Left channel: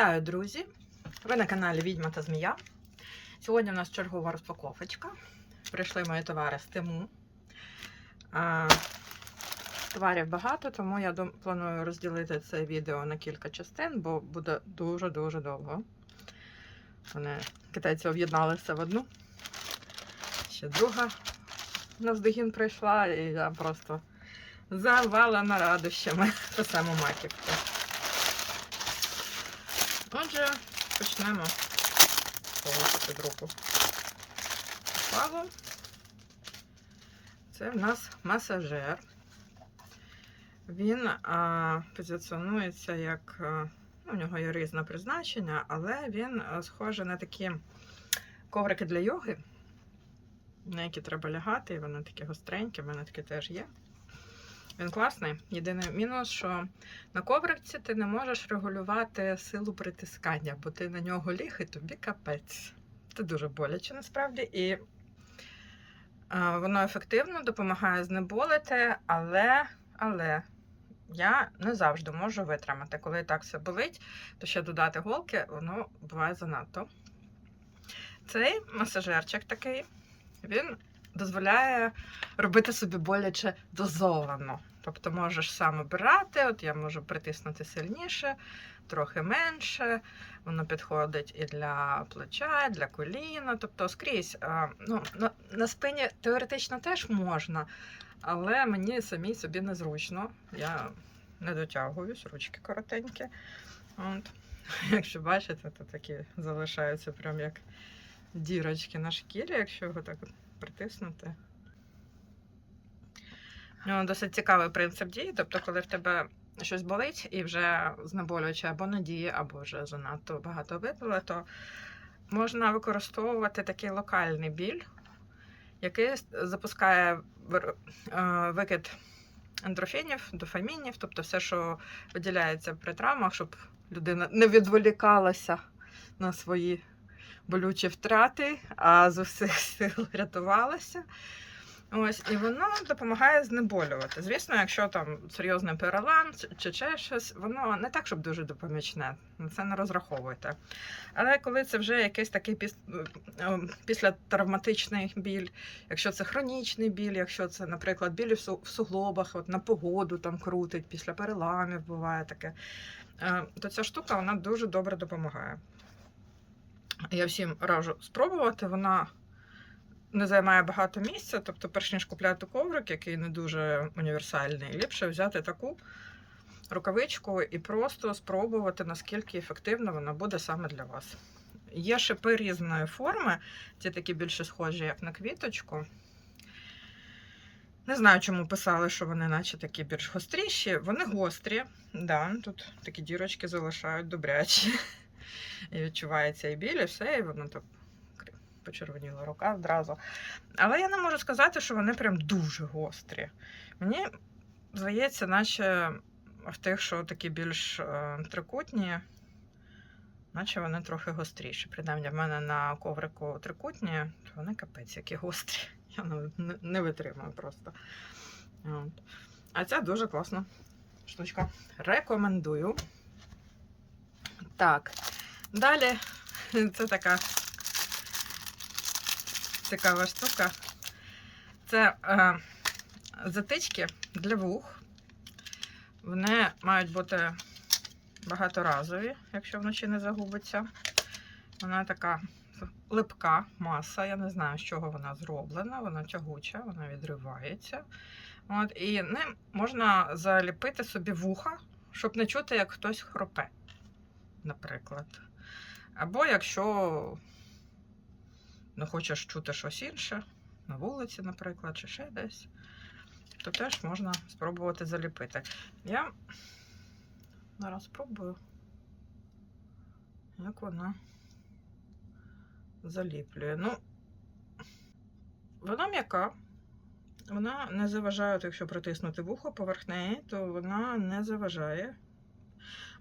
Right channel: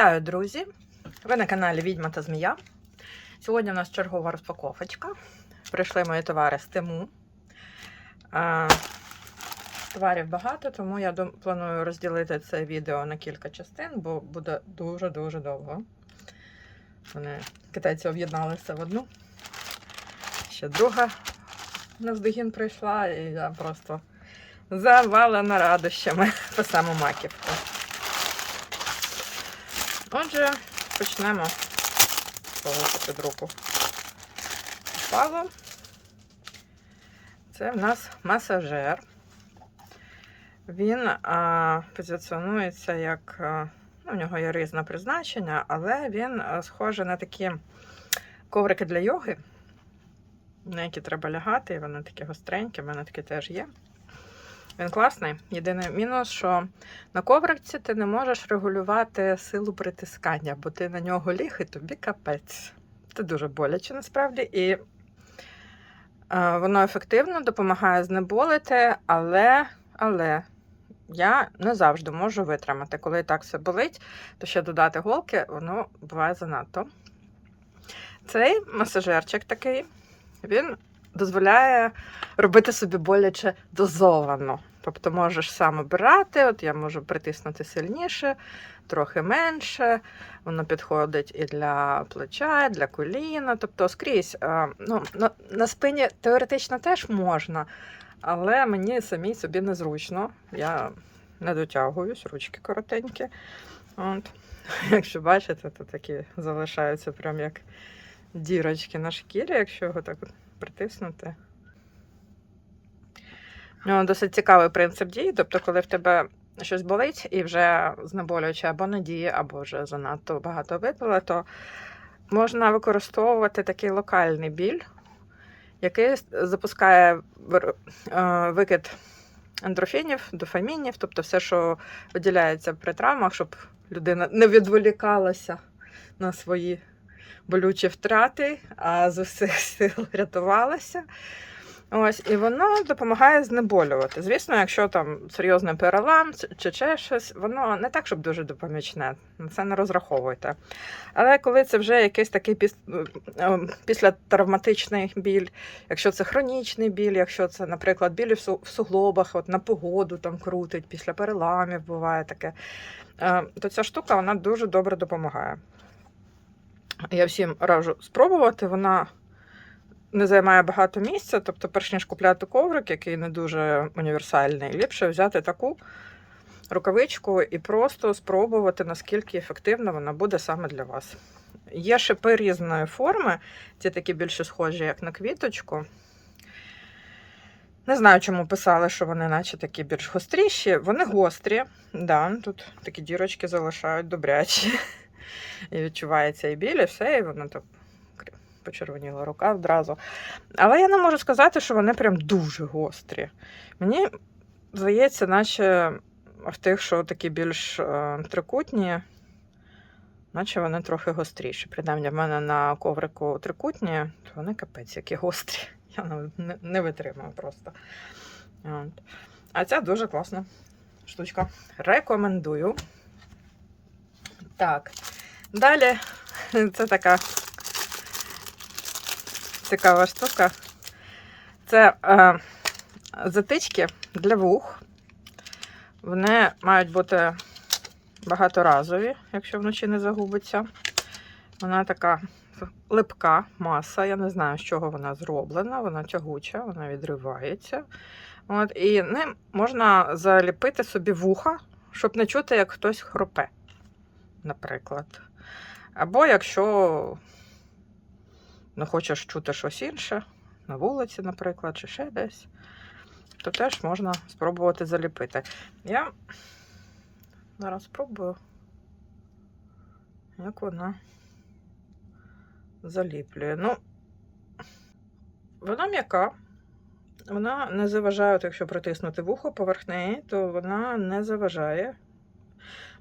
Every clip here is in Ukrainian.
Вітаю, друзі! Ви на каналі Відьма та Змія. Сьогодні у нас чергова розпаковочка. Прийшли мої товари з Тиму. Товарів багато, тому я планую розділити це відео на кілька частин, бо буде дуже-дуже довго. Вони китайці об'єдналися в одну. Ще друга навздогін прийшла, і я просто завалена радощами по саму маківку. Отже, почнемо з руку попало. Це в нас масажер. Він а, позиціонується як. ну, у нього є різне призначення, але він а, схожий на такі коврики для йоги, на які треба лягати, і вони такі гостренькі, в мене такі теж є. Він класний. Єдиний мінус, що на ковриці ти не можеш регулювати силу притискання, бо ти на нього ліг і тобі капець. Це дуже боляче насправді. І е, воно ефективно допомагає знеболити, але, але я не завжди можу витримати. Коли так все болить, то ще додати голки, воно буває занадто. Цей масажерчик такий, він дозволяє робити собі боляче дозовано. Тобто можеш сам обирати, от я можу притиснути сильніше, трохи менше. Воно підходить і для плеча, і для коліна. Тобто скрізь. е, Ну, на, спині теоретично теж можна, але мені самій собі незручно. Я не дотягуюсь, ручки коротенькі. От. Якщо бачите, то такі залишаються прям як дірочки на шкірі, якщо його так притиснути. Ну, досить цікавий принцип дії. Тобто, коли в тебе щось болить і вже знеболююче або не діє, або вже занадто багато випила, то можна використовувати такий локальний біль, який запускає е, викид ендорфінів, дофамінів, тобто все, що виділяється при травмах, щоб людина не відволікалася на свої болючі втрати, а з усіх сил рятувалася. Ось, і воно допомагає знеболювати. Звісно, якщо там серйозний перелам чи- ще щось, воно не так, щоб дуже допомічне. Це не розраховуйте. Але коли це вже якийсь такий піс... е, післятравматичний біль, якщо це хронічний біль, якщо це, наприклад, біль в суглобах, от на погоду там крутить, після переламів буває таке, е, то ця штука вона дуже добре допомагає. Я всім раджу спробувати. Вона не займає багато місця, тобто, перш ніж купляти коврик, який не дуже універсальний, ліпше взяти таку рукавичку і просто спробувати, наскільки ефективно вона буде саме для вас. Є шипи різної форми, ці такі більше схожі, як на квіточку. Не знаю, чому писали, що вони наче такі більш гостріші. Вони гострі, да, тут такі дірочки залишають добрячі. І відчувається і біль, і все, і воно так почервоніла рука одразу. Але я не можу сказати, що вони прям дуже гострі. Мені здається, наче в тих, що такі більш е, трикутні, наче вони трохи гостріші. Принаймні, в мене на коврику трикутні, то вони капець, які гострі. Я не, витримую просто. От. А ця дуже класна штучка. Рекомендую. Так. Далі це така цікава штука. Це е, затички для вух. Вони мають бути багаторазові, якщо вночі не загубиться. Вона така липка маса. Я не знаю, з чого вона зроблена. Вона тягуча, вона відривається. От, і ним можна заліпити собі вуха, щоб не чути, як хтось хропе, наприклад. Або якщо не хочеш чути щось інше, на вулиці, наприклад, чи ще десь, то теж можна спробувати заліпити. Я зараз спробую, як вона заліплює. Ну, вона м'яка. Вона не заважає, от якщо притиснути вухо поверх неї, то вона не заважає.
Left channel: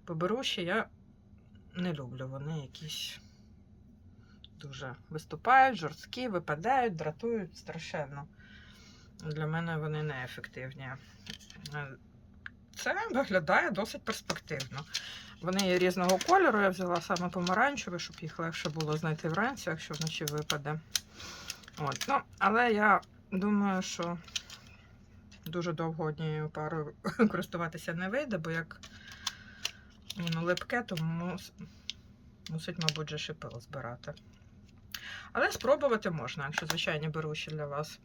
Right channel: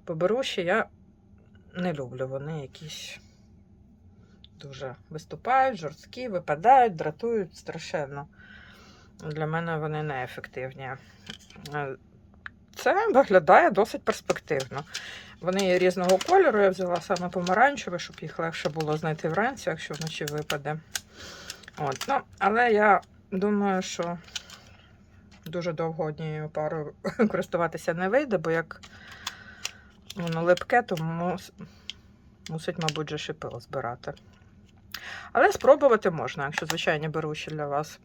Поберуші я не люблю. Вони якісь дуже виступають, жорсткі, випадають, дратують страшенно. Для мене вони неефективні. Е, Це виглядає досить перспективно. Вони є різного кольору. Я взяла саме помаранчеве, щоб їх легше було знайти вранці, якщо вночі випаде. От. Ну, але я думаю, що дуже довго однією парою користуватися не вийде, бо як воно липке, то мус- мусить, мабуть, же шипило збирати. Але спробувати можна, якщо звичайні беруші для вас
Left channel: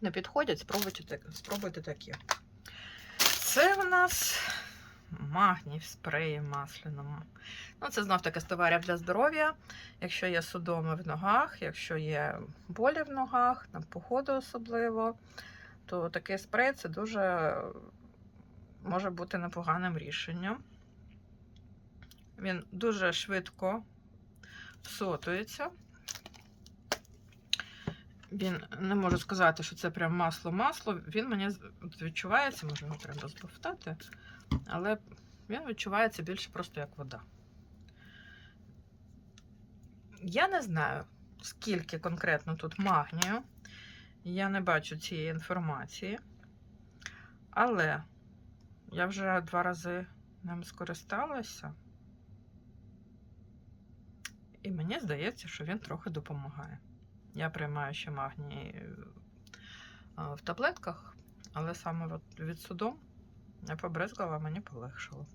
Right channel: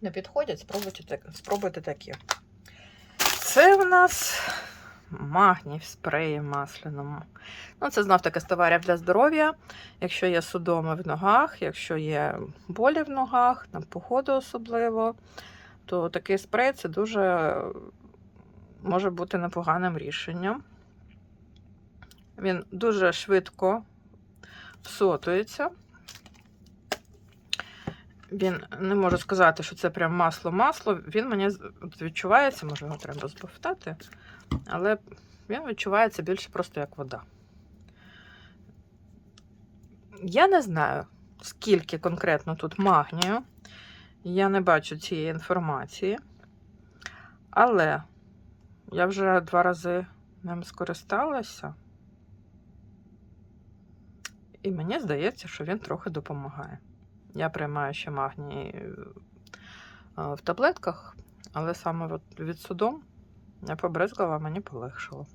не підходять, спробуйте, спробуйте такі. Це в нас магній в спреї масляному. Ну, це знов таки з товарів для здоров'я. Якщо є судоми в ногах, якщо є болі в ногах, на погоду особливо, то такий спрей це дуже може бути непоганим рішенням. Він дуже швидко всотується. Він не можу сказати, що це прям масло-масло. Він мені відчувається, може його треба збовтати, але він відчувається більше просто як вода. Я не знаю, скільки конкретно тут магнію. Я не бачу цієї інформації. Але я вже два рази ним скористалася. І мені здається, що він трохи допомагає. Я приймаю ще магній е, в таблетках, але саме від судом я побризгала, мені полегшило.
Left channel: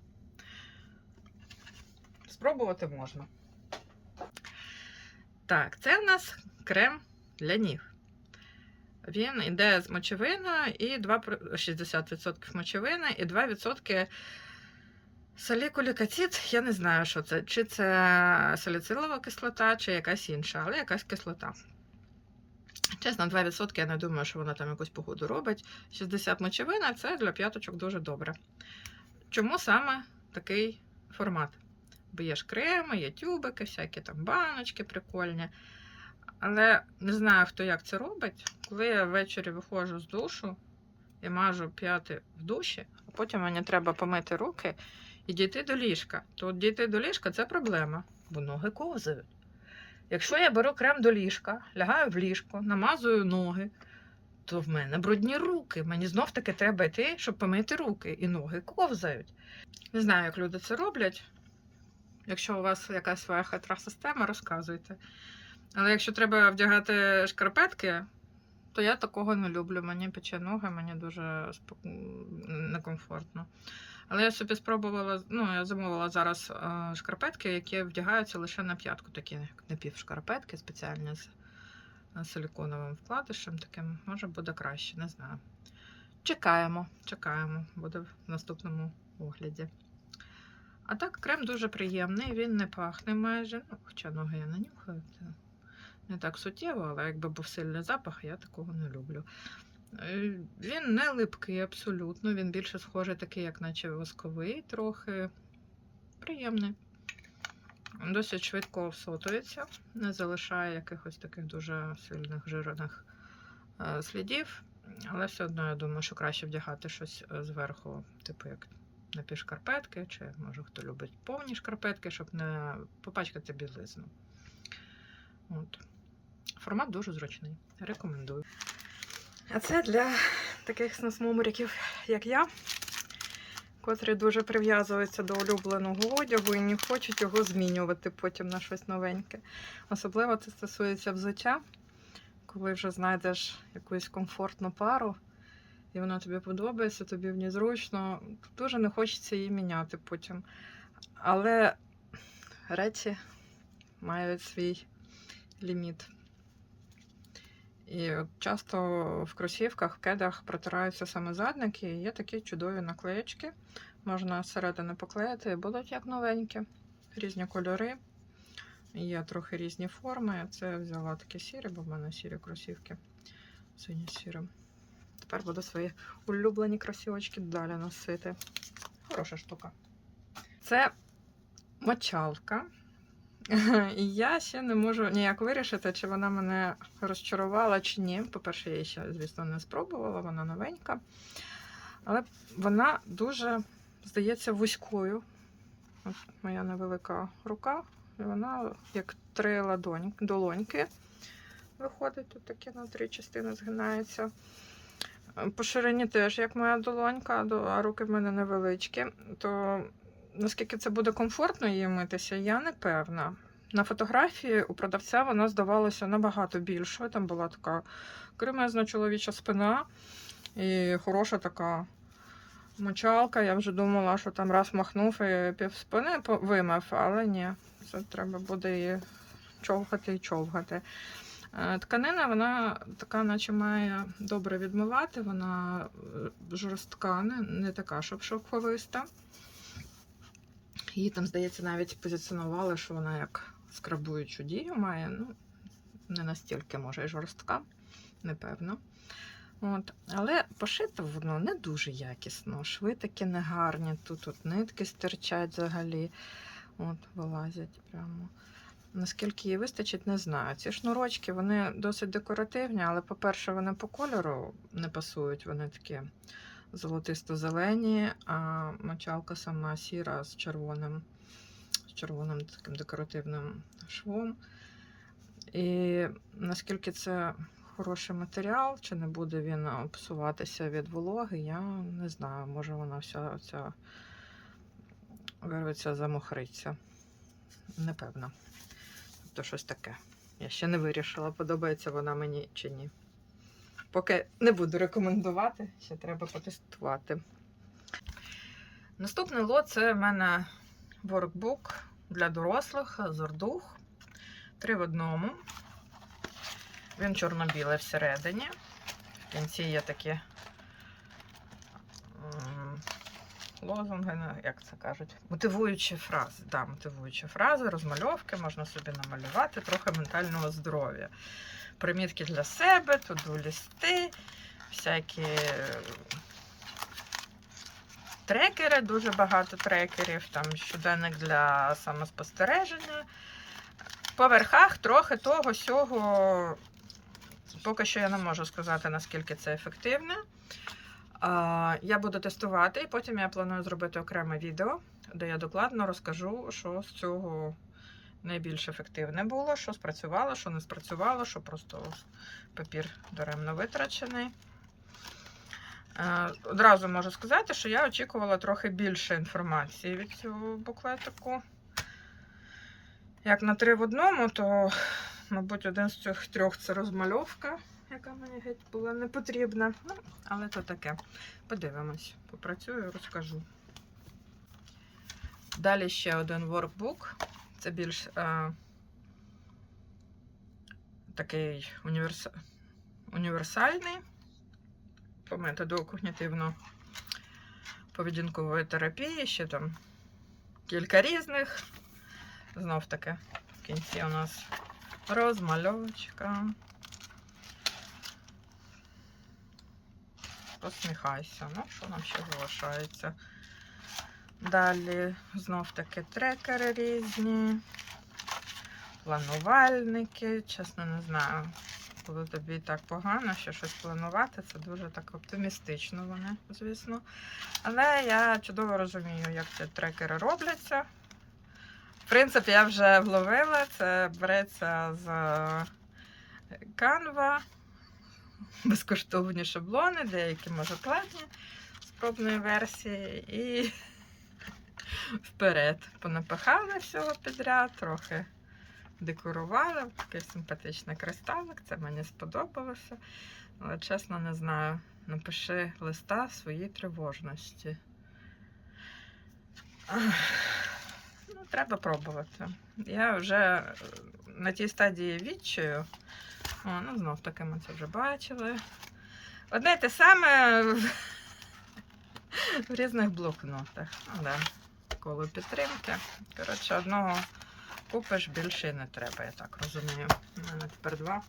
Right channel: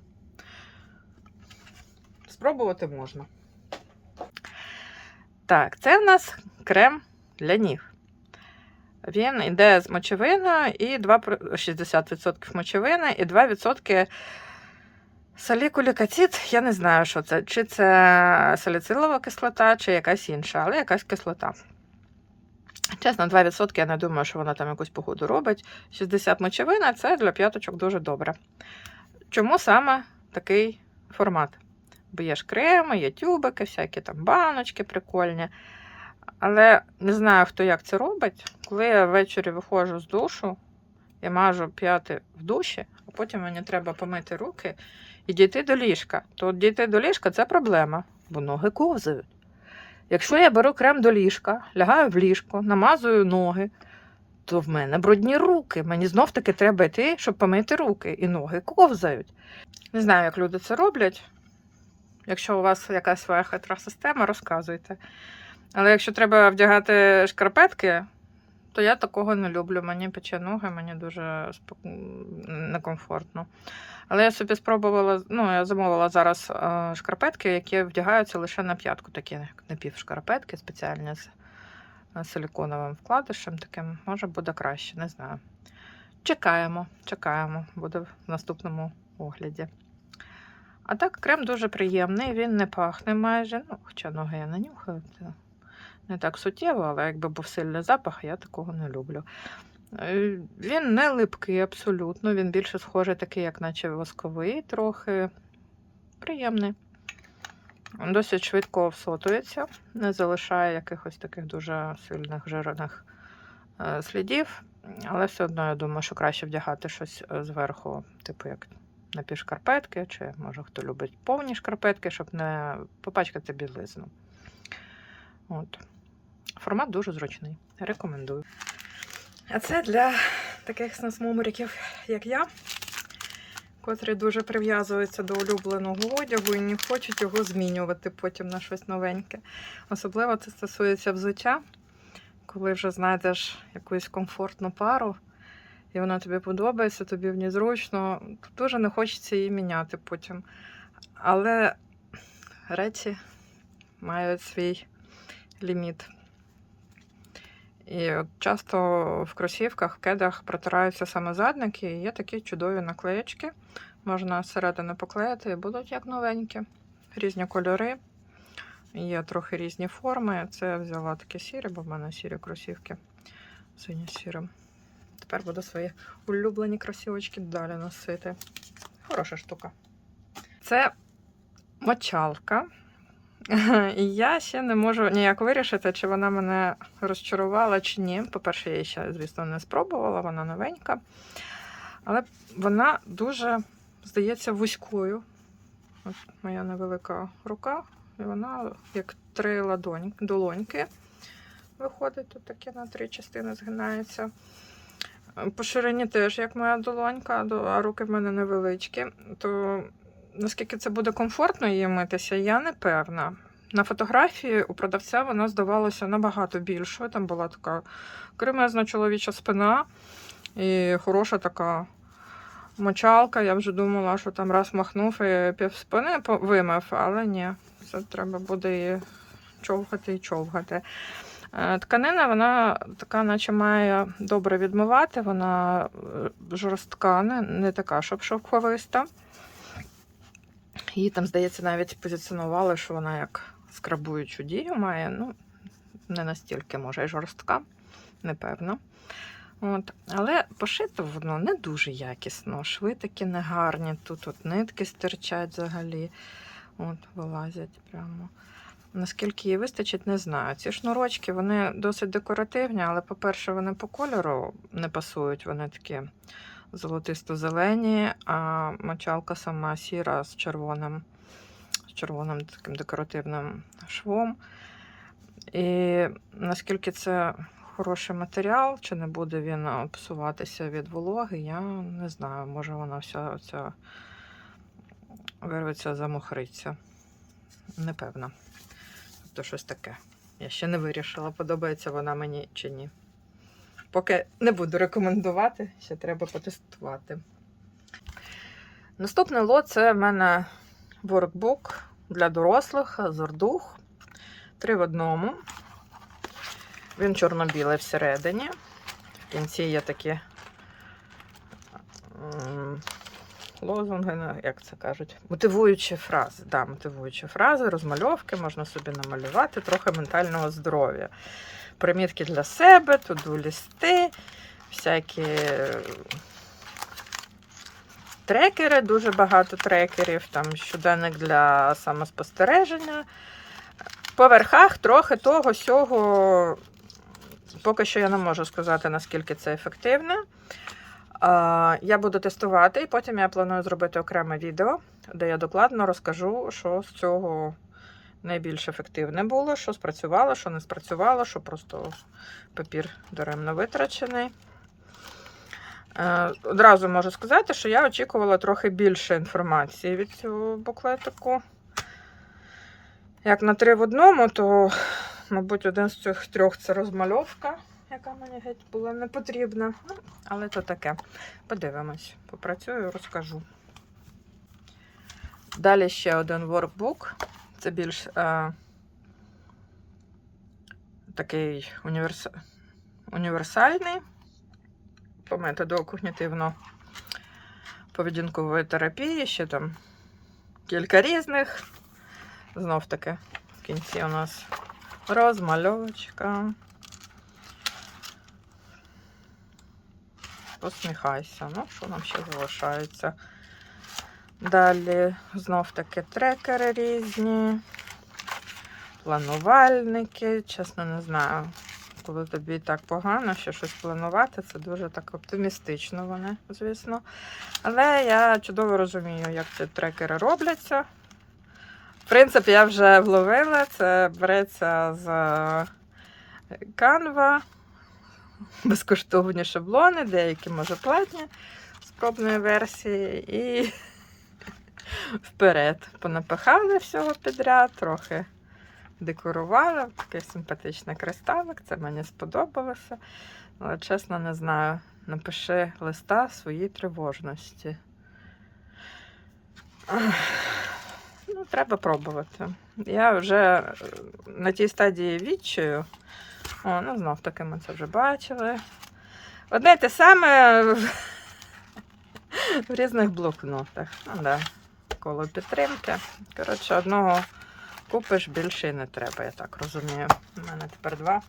Спробувати можна. Так, це в нас крем для ніг. Він йде з мочевиною і 2, 60% мочевини і 2% салікулікацид. Я не знаю, що це. Чи це саліцилова кислота, чи якась інша, але якась кислота. Чесно, 2% я не думаю, що вона там якусь погоду робить. 60 мочевина це для п'яточок дуже добре. Чому саме такий формат? Бо є ж креми, є тюбики, всякі там баночки прикольні. Але не знаю, хто як це робить. Коли я ввечері виходжу з душу, я мажу п'яти в душі, а потім мені треба помити руки і дійти до ліжка. То дійти до ліжка це проблема, бо ноги ковзають. Якщо я беру крем до ліжка, лягаю в ліжко, намазую ноги, то в мене брудні руки. Мені знов таки треба йти, щоб помити руки, і ноги ковзають. Не знаю, як люди це роблять. Якщо у вас якась своя хитра система, розказуйте. Але якщо треба вдягати шкарпетки, то я такого не люблю. Мені пече ноги, мені дуже спок- некомфортно. Але я собі спробувала, ну, я замовила зараз е, шкарпетки, які вдягаються лише на п'ятку, такі напівшкарпетки, спеціальні з е, силіконовим вкладишем. Таким може буде краще, не знаю. Чекаємо, чекаємо, буде в наступному огляді. А так, крем дуже приємний, він не пахне майже. Ну, хоча ноги я не нюхаю, не так суттєво, але якби був сильний запах, я такого не люблю. Е, Він не липкий абсолютно, він більше схожий такий, як наче восковий, трохи приємний. Досить швидко всотується, не залишає якихось таких дуже сильних жирних е, слідів. Але все одно я думаю, що краще вдягати щось е, зверху, типу як напівшкарпетки, чи може хто любить повні шкарпетки, щоб не попачкати білизну. От. Формат дуже зручний. Рекомендую. А це для таких снасмумриків, як я, котрі дуже прив'язуються до улюбленого одягу і не хочуть його змінювати потім на щось новеньке. Особливо це стосується взуття, коли вже знайдеш якусь комфортну пару, і вона тобі подобається, тобі в ній зручно, дуже не хочеться її міняти потім. Але речі мають свій ліміт. І от часто в кросівках, в кедах протираються саме задники, і є такі чудові наклеєчки. Можна зсередини поклеїти і будуть як новенькі. Різні кольори, є трохи різні форми. Це я взяла такі сірі, бо в мене сірі кросівки сині сірим. Тепер буду свої улюблені кросівочки далі носити. Хороша штука. Це мочалка. І я ще не можу ніяк вирішити, чи вона мене розчарувала чи ні. По-перше, я її ще, звісно, не спробувала, вона новенька. Але вона дуже, здається, вузькою. От моя невелика рука, і вона як три ладонь, долоньки виходить, тут таке на три частини згинається. По ширині теж, як моя долонька, а руки в мене невеличкі, то наскільки це буде комфортно її митися, я не певна. На фотографії у продавця вона здавалася набагато більшою. Там була така кремезна чоловіча спина і хороша така мочалка. Я вже думала, що там раз махнув і пів спини вимив, але ні, це треба буде її човгати і човгати. Е, Тканина, вона така, наче має добре відмивати, вона е, жорстка, не, не така, щоб шовковиста. Її там, здається, навіть позиціонували, що вона як скрабуючу дію має. Ну, не настільки, може, і жорстка, непевно. От. Але пошито воно не дуже якісно. Шви такі негарні. Тут от нитки стирчать взагалі. От, вилазять прямо. Наскільки їй вистачить, не знаю. Ці шнурочки вони досить декоративні, але, по-перше, вони по кольору не пасують, вони такі золотисто-зелені, а мочалка сама сіра з червоним, з червоним таким декоративним швом. І наскільки це хороший матеріал, чи не буде він псуватися від вологи, я не знаю. Може вона вся ця вирветься, замохриться. Непевна. Тобто щось таке. Я ще не вирішила, подобається вона мені чи ні. Поки не буду рекомендувати, ще треба потестувати. Наступний лот це в мене воркбук для дорослих Зордух. Три в одному. Він чорно-білий всередині. В кінці є такі лозунги, ну, як це кажуть, мотивуючі фрази. Да, мотивуючі фрази, розмальовки, можна собі намалювати, трохи ментального здоров'я. Примітки для себе, туду лісти, всякі е, трекери, дуже багато трекерів, там щоденник для самоспостереження. По верхах трохи того сього. Поки що я не можу сказати, наскільки це ефективне. Я буду тестувати, і потім я планую зробити окреме відео, де я докладно розкажу, що з цього найбільш ефективне було, що спрацювало, що не спрацювало, що просто папір даремно витрачений. Е, Одразу можу сказати, що я очікувала трохи більше інформації від цього буклетику. Як на три в одному, то, мабуть, один з цих трьох це розмальовка, яка мені геть була не потрібна. Ну, але то таке. Подивимось, попрацюю, розкажу. Далі ще один воркбук. Це більш е, такий універс... універсальний по методу когнітивно-поведінкової терапії. Ще там кілька різних. Знов таки в кінці у нас розмальовочка. Посміхайся. Ну, що нам ще залишається? Далі знов таки трекери різні, планувальники. Чесно, не знаю, коли тобі так погано, що щось планувати, це дуже так оптимістично вони, звісно. Але я чудово розумію, як ці трекери робляться. В принципі, я вже вловила, це береться з Canva, безкоштовні шаблони, деякі, може, платні з пробної версії. І вперед. Понапихали всього підряд, трохи декорувала. Такий симпатичний кристалик, це мені сподобалося. Але чесно не знаю. Напиши листа своїй тривожності. Ну, треба пробувати. Я вже е, на тій стадії відчую. О, ну знов таки ми це вже бачили. Одне те саме в різних блокнотах. Ну, да коло підтримки. Коротше, одного купиш, більше і не треба, я так розумію. У мене тепер два.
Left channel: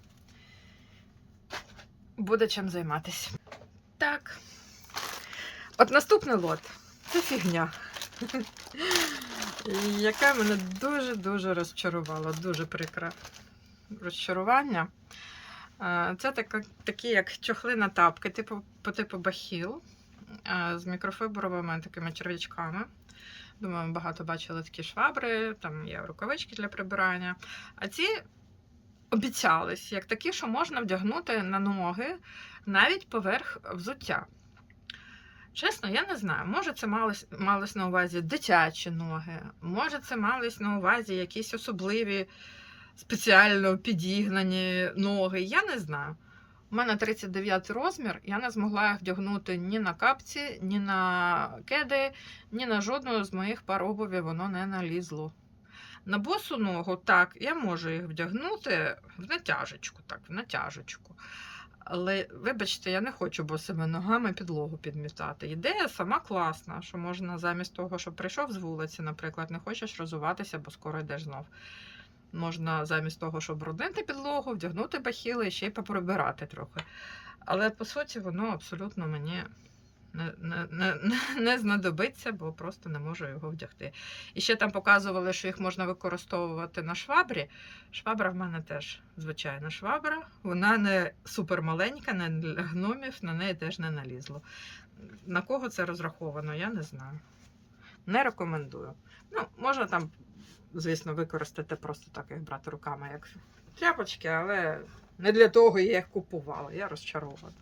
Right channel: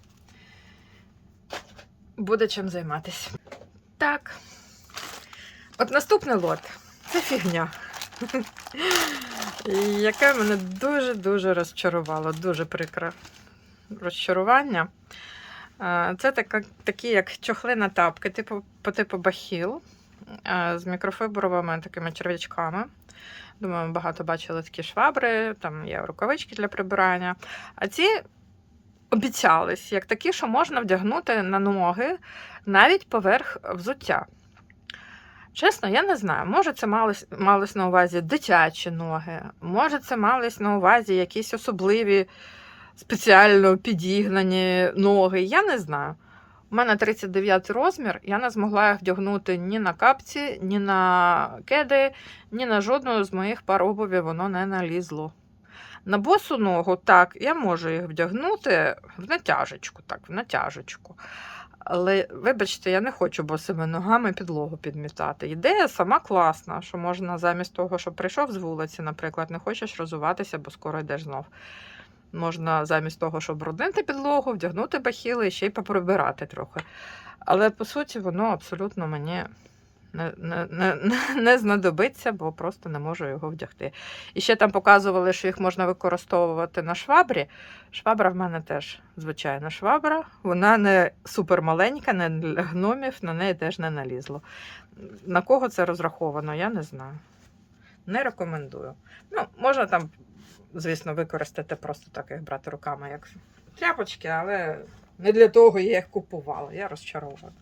Буде чим займатися. Так. От наступний лот. Це фігня. Яке мене дуже-дуже розчарувало, дуже прикре розчарування. Це така, такі, як чохлина тапки, типу, по типу бахіл з мікрофібровими такими черв'ячками. Думаю, багато бачили такі швабри, там є рукавички для прибирання. А ці обіцялись, як такі, що можна вдягнути на ноги навіть поверх взуття. Чесно, я не знаю. Може, це малось, малось на увазі дитячі ноги, може, це малось на увазі якісь особливі спеціально підігнані ноги. Я не знаю. У мене 39 розмір, я не змогла їх вдягнути ні на капці, ні на кеди, ні на жодну з моїх пар обуві воно не налізло. На босу ногу, так, я можу їх вдягнути в натяжечку, так, в натяжечку. Але, вибачте, я не хочу босими ногами підлогу підмітати. Ідея сама класна, що можна замість того, щоб прийшов з вулиці, наприклад, не хочеш розуватися, бо скоро йдеш знов. Можна замість того, щоб бруднити підлогу, вдягнути бахіли і ще й поприбирати трохи. Але по суті, воно абсолютно мені не, не, не- не знадобиться, бо просто не можу його вдягти. І ще там показували, що їх можна використовувати на швабрі. Швабра в мене теж звичайна швабра. Вона не супермаленька, не для гномів, на неї теж не налізло. На кого це розраховано, я не знаю. Не рекомендую. Ну, можна там, звісно, використати просто так їх брати руками, як тряпочки, але не для того я їх купувала. Я розчарована.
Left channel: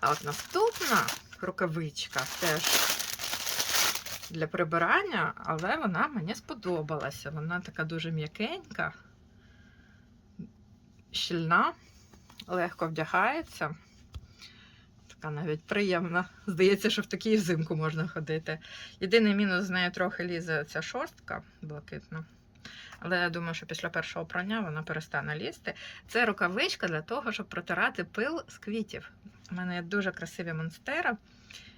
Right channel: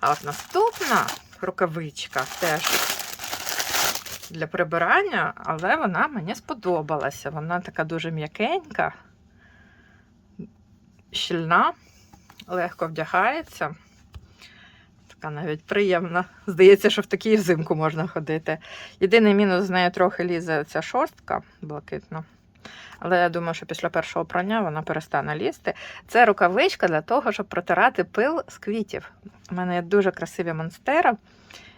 А от наступна рукавичка теж для прибирання, але вона мені сподобалася. Вона така дуже м'якенька, щільна, легко вдягається. Така навіть приємна. Здається, що в такій взимку можна ходити. Єдиний мінус з нею трохи лізе ця шорстка блакитна. Але я думаю, що після першого прання вона перестане лізти. Це рукавичка для того, щоб протирати пил з квітів. У мене є дуже красиві монстера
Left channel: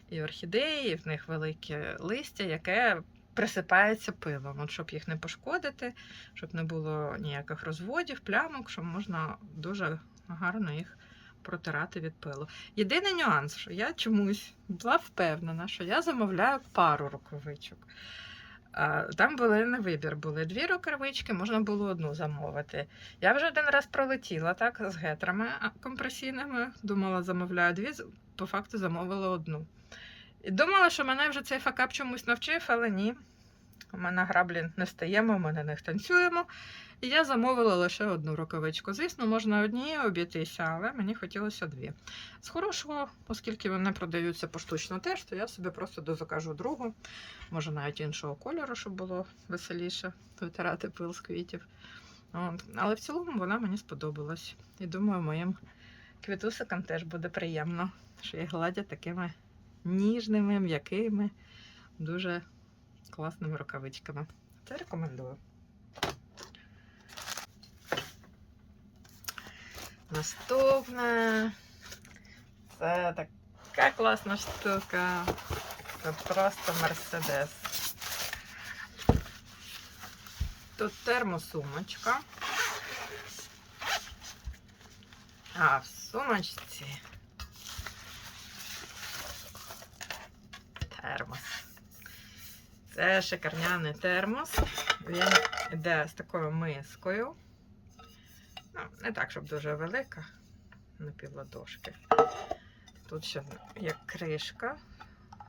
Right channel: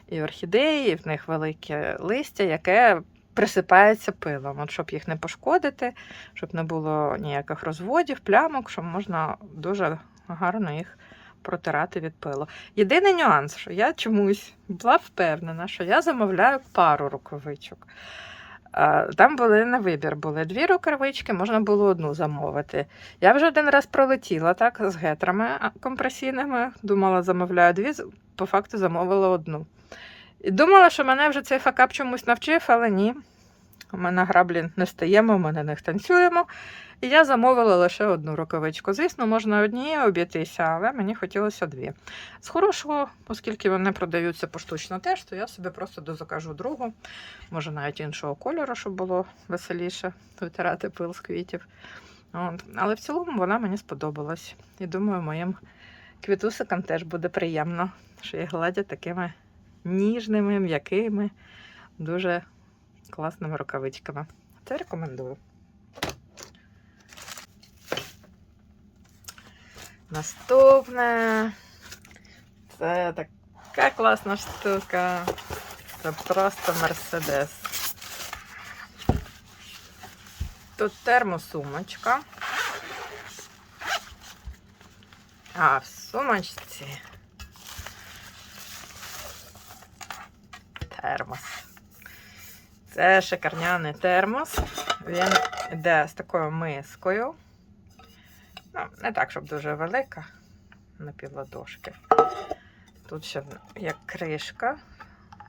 і орхідеї, і в них велике листя, яке присипається пилом. От щоб їх не пошкодити, щоб не було ніяких розводів, плямок, щоб можна дуже гарно їх протирати від пилу. Єдиний нюанс, що я чомусь була впевнена, що я замовляю пару рукавичок. Там були на вибір, були дві рукавички, можна було одну замовити. Я вже один раз пролетіла так з гетрами компресійними. Думала, замовляю дві, по факту замовила одну. І думала, що мене вже цей факап чомусь навчив, але ні. У мене граблі не стаємо, ми на них танцюємо. І я замовила лише одну рукавичку. Звісно, можна однією обійтися, але мені хотілося дві. З хорошого, оскільки вони продаються поштучно теж, то я собі просто дозакажу другу. Може навіть іншого кольору, щоб було веселіше витирати пил з квітів. От. Але в цілому вона мені сподобалась. І думаю, моїм квітусикам теж буде приємно, що їх гладять такими ніжними, м'якими, дуже класними рукавичками. Це рекомендую. Наступне. Це така класна штука. Це просто мерседес. Тут термосумочка. А в сумочці термос. Це шикарняний термос. Він йде з такою мискою. Ну, не так, щоб дуже велика, на півладошки. Тут ще як кришка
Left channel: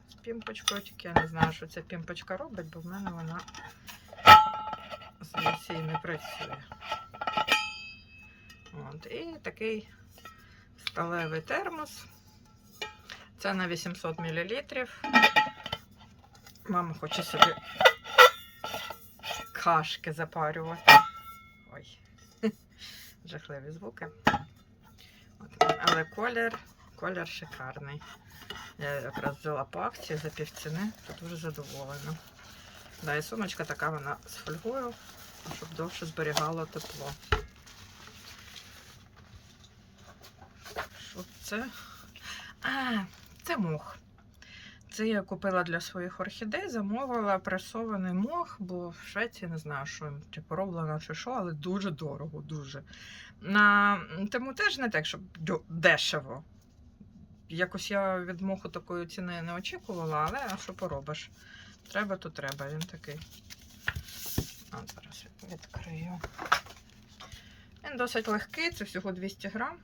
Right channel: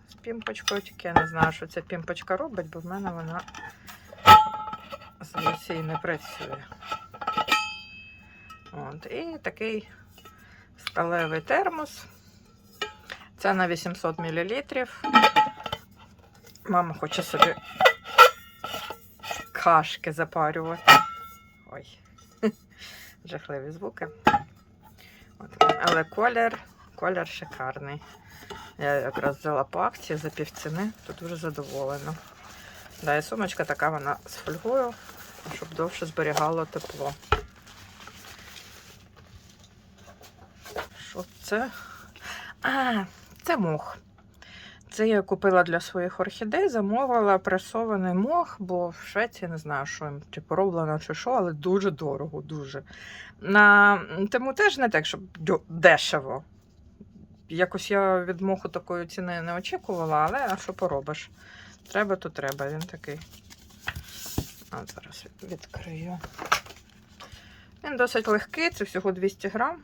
з пімпочкою, тільки я не знаю, що ця пімпочка робить, бо в мене вона здається не працює. От, і такий сталевий термос. Це на 800 мл. Мама хоче собі кашки запарювати. Ой, жахливі звуки. От. Але колір, колір шикарний. Я якраз взяла по акції за півціни, то дуже задоволена. Да, і сумочка така вона з фольгою, щоб довше зберігало тепло. Що це? А, це мох. Це я купила для своїх орхідей, замовила пресований мох, бо в Швеції не знаю, що їм типу роблено чи що, але дуже дорого, дуже. На тому теж не так, щоб дешево. Якось я від моху такої ціни не очікувала, але а що поробиш? Треба, то треба. Він такий. А зараз відкрию. Він досить легкий, це всього 200 грам.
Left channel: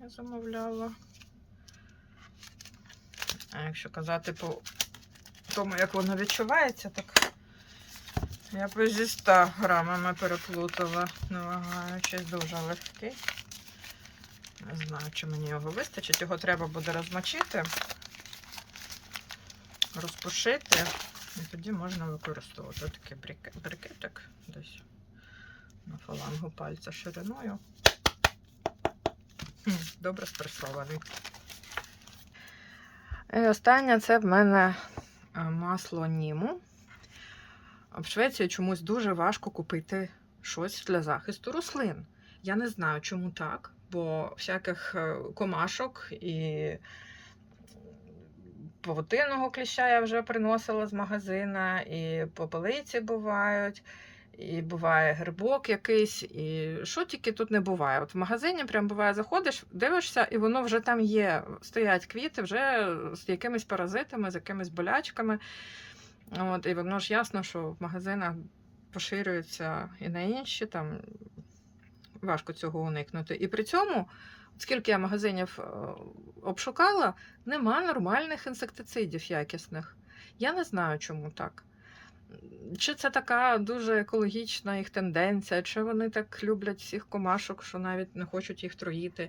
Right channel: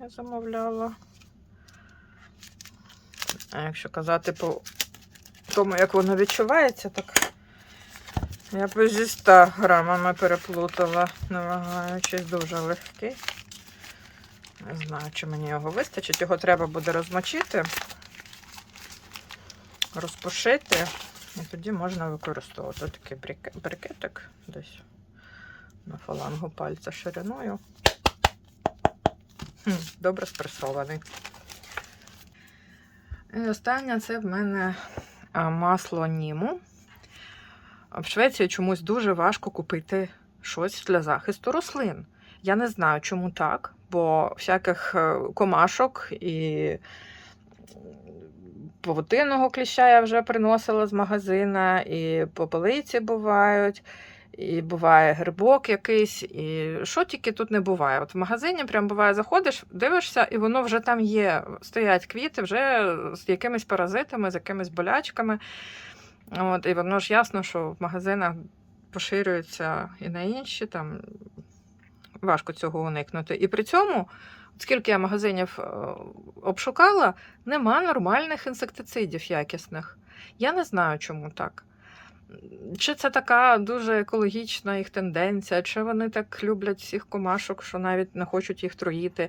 Я замовляла. А якщо казати по тому, як воно відчувається, так я б зі 100 грамами переплутала, намагаючись дуже легкий. Не знаю, чи мені його вистачить. Його треба буде розмочити, розпушити, і тоді можна використовувати такий брикетик десь на фалангу пальця шириною. Добре спресований. І останнє це в мене масло німу. В Швеції чомусь дуже важко купити щось для захисту рослин. Я не знаю, чому так, бо всяких е, комашок і павутинного кліща я вже приносила з магазина, і попелиці бувають, і буває грибок якийсь, і що тільки тут не буває. От в магазині прям буває, заходиш, дивишся, і воно вже там є. Стоять квіти вже з якимись паразитами, з якимись болячками. От, і воно ж ясно, що в магазинах поширюється і на інші, там важко цього уникнути. І при цьому, скільки я магазинів е, обшукала, нема нормальних інсектицидів якісних. Я не знаю, чому так. Чи це така дуже екологічна їх тенденція, чи вони так люблять всіх комашок, що навіть не хочуть їх троїти.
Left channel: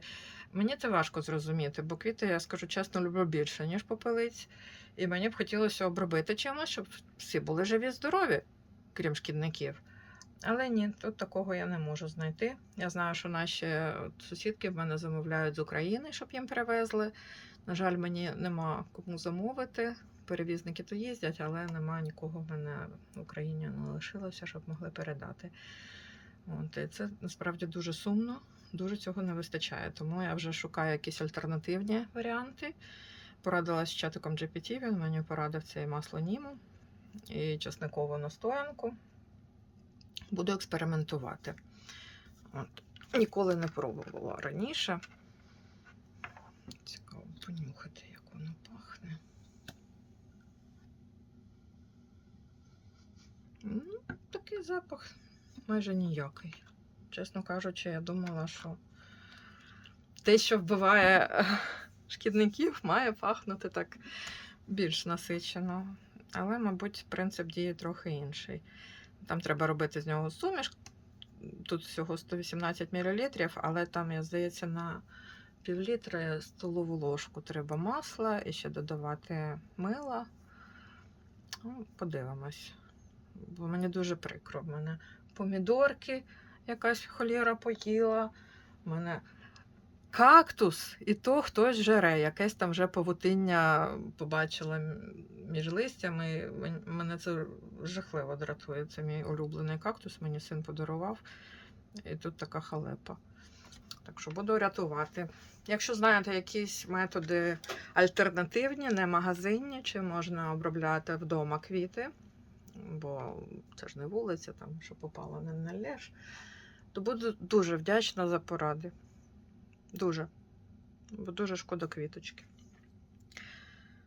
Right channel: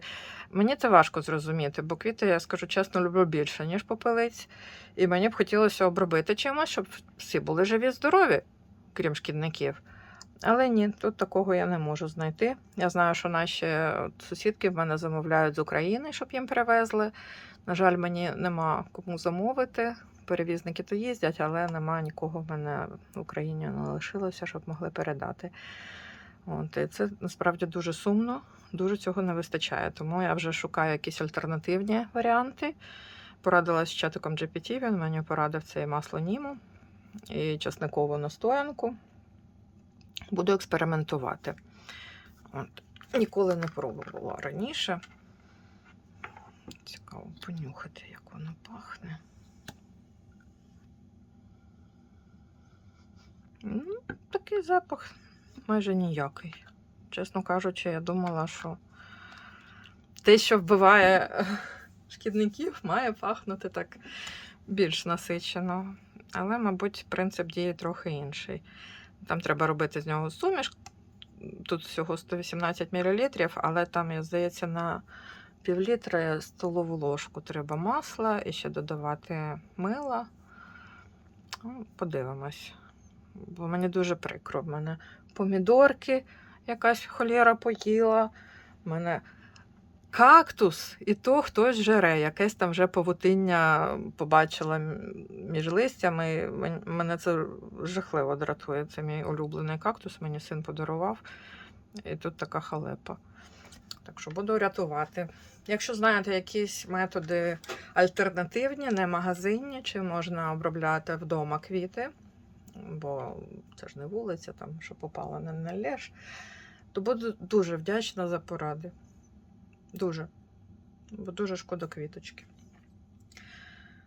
Мені це важко зрозуміти, бо квіти, я скажу чесно, люблю більше, ніж попелиць. І мені б хотілося обробити чимось, щоб всі були живі, здорові, крім шкідників. Але ні, тут такого я не можу знайти. Я знаю, що наші сусідки в мене замовляють з України, щоб їм привезли. На жаль, мені нема кому замовити. Перевізники то їздять, але нема нікого в мене в Україні не лишилося, щоб могли передати. От, і це насправді дуже сумно, дуже цього не вистачає. Тому я вже шукаю якісь альтернативні варіанти. Порадилась з чатиком GPT, він мені порадив це масло німу і часникову настоянку. Буду експериментувати. От. Ніколи не пробувала раніше. Цікаво понюхати, як воно пахне. Ну, такий запах майже ніякий. Чесно кажучи, я думала, що те, що вбиває е, шкідників, має пахнути так більш насичено. Але, мабуть, принцип дії трохи інший. Там треба робити з нього суміш. Тут всього 118 мл, але там, здається, на півлітри столову ложку треба масла і ще додавати мила. Ну, подивимось. Бо мені дуже прикро. В мене помідорки, якась холєра поїла. У мене кактус, і то хтось жере. Якесь там вже павутиння побачила між листями. Мене це жахливо дратує. Це мій улюблений кактус, мені син подарував. І тут така халепа. Так що буду рятувати. Якщо знаєте якісь методи альтернативні, не магазинні, чи можна обробляти вдома квіти, бо це ж не вулиця, там, що попало, не налєш, то буду дуже вдячна за поради. Дуже. Бо дуже шкода квіточки.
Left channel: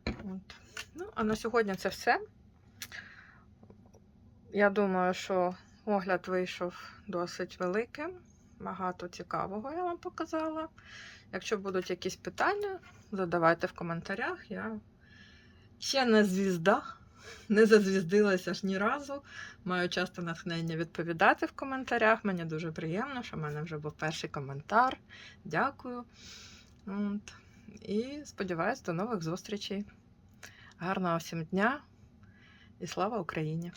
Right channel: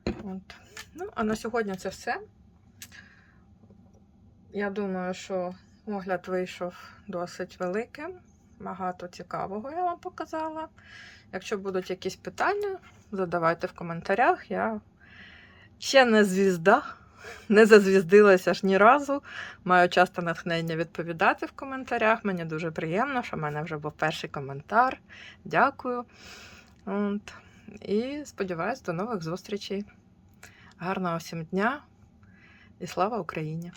От. Ну, а на сьогодні це все. Я думаю, що огляд вийшов досить великим. Багато цікавого я вам показала. Якщо будуть якісь питання, задавайте в коментарях. Я ще не звізда, не зазвіздилася ж ні разу. Маю часто натхнення відповідати в коментарях. Мені дуже приємно, що в мене вже був перший коментар. Дякую. От. І сподіваюсь, до нових зустрічей. Гарного всім дня і слава Україні!